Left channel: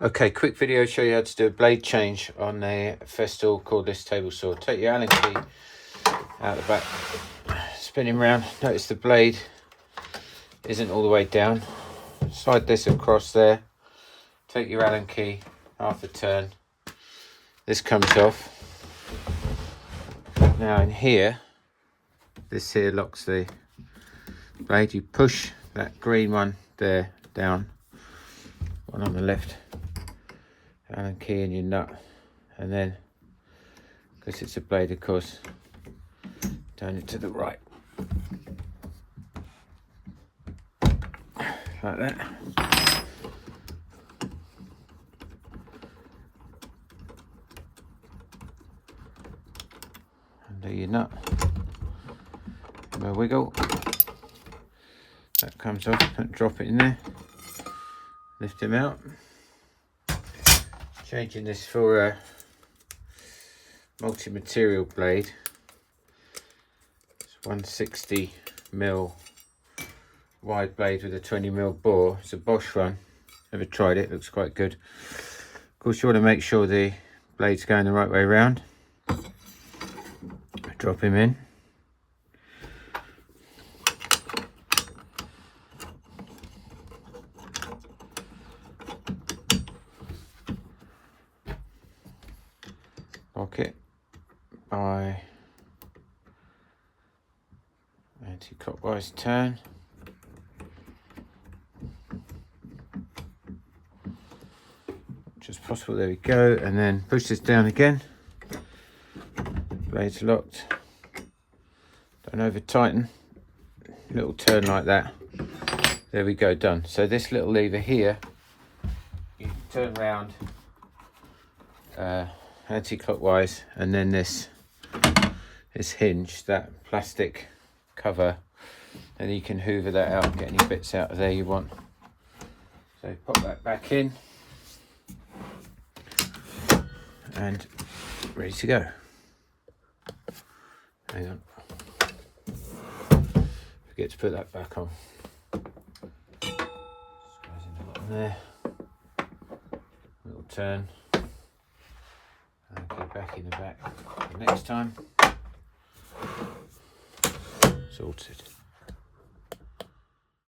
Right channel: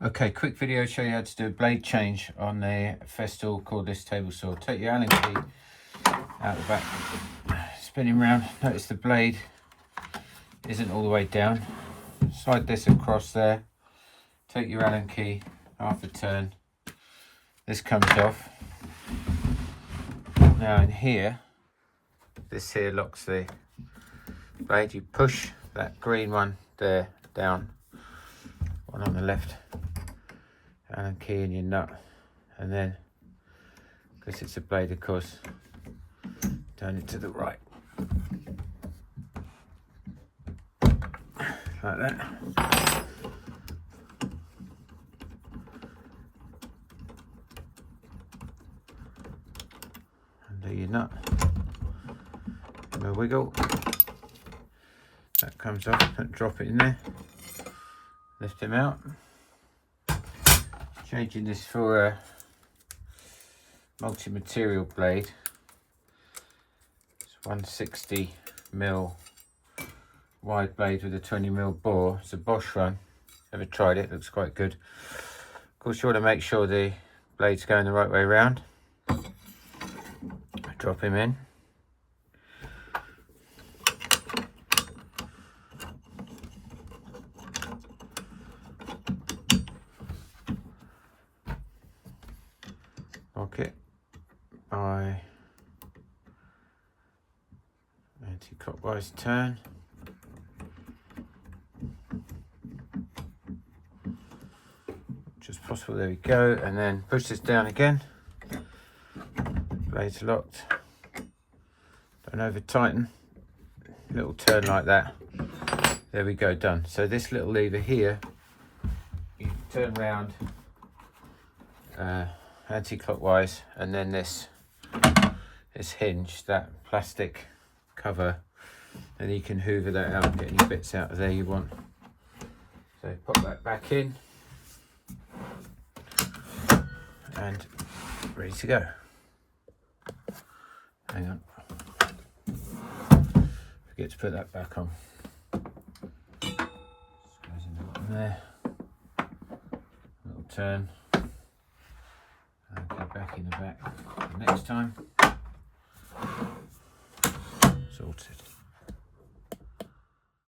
Okay, quick video show you how to do a blade change on the Festool cordless table saw. Take your Allen key out the back, spin him round. Notice the blade isn't all the way down. Slide this across there. Take your Allen key, half a turn. This comes off. Now in here, this here locks the blade. You push that green one there down, one on the left, Allen key in your nut, and then, because it's a blade of course, turn it to the right, like that. Undo your nut, give it a wiggle, that comes off, drop it in there, lift him out. Changing this for a multi-material blade. It's 160mm wide blade with a 20mm bore. It's a Bosch one. Never tried it, looks quite good. Of course you want to make sure the blade's going the right way around. Drop him in. Lock it by anti-clockwise turn. Much as possible, there we go, and then push this down again. Blade's locked. Don't over tighten. Little turn like that. There we go, done. So this little lever here, you turn round anti-clockwise, and then this hinge, that plastic cover, and you can hoover that out, get any bits out of there you want. So pop that back in and ready to go. Hang on, forget to put that back on. Just goes in the bottom there, little turn. Go back in the back the next time. Sorted.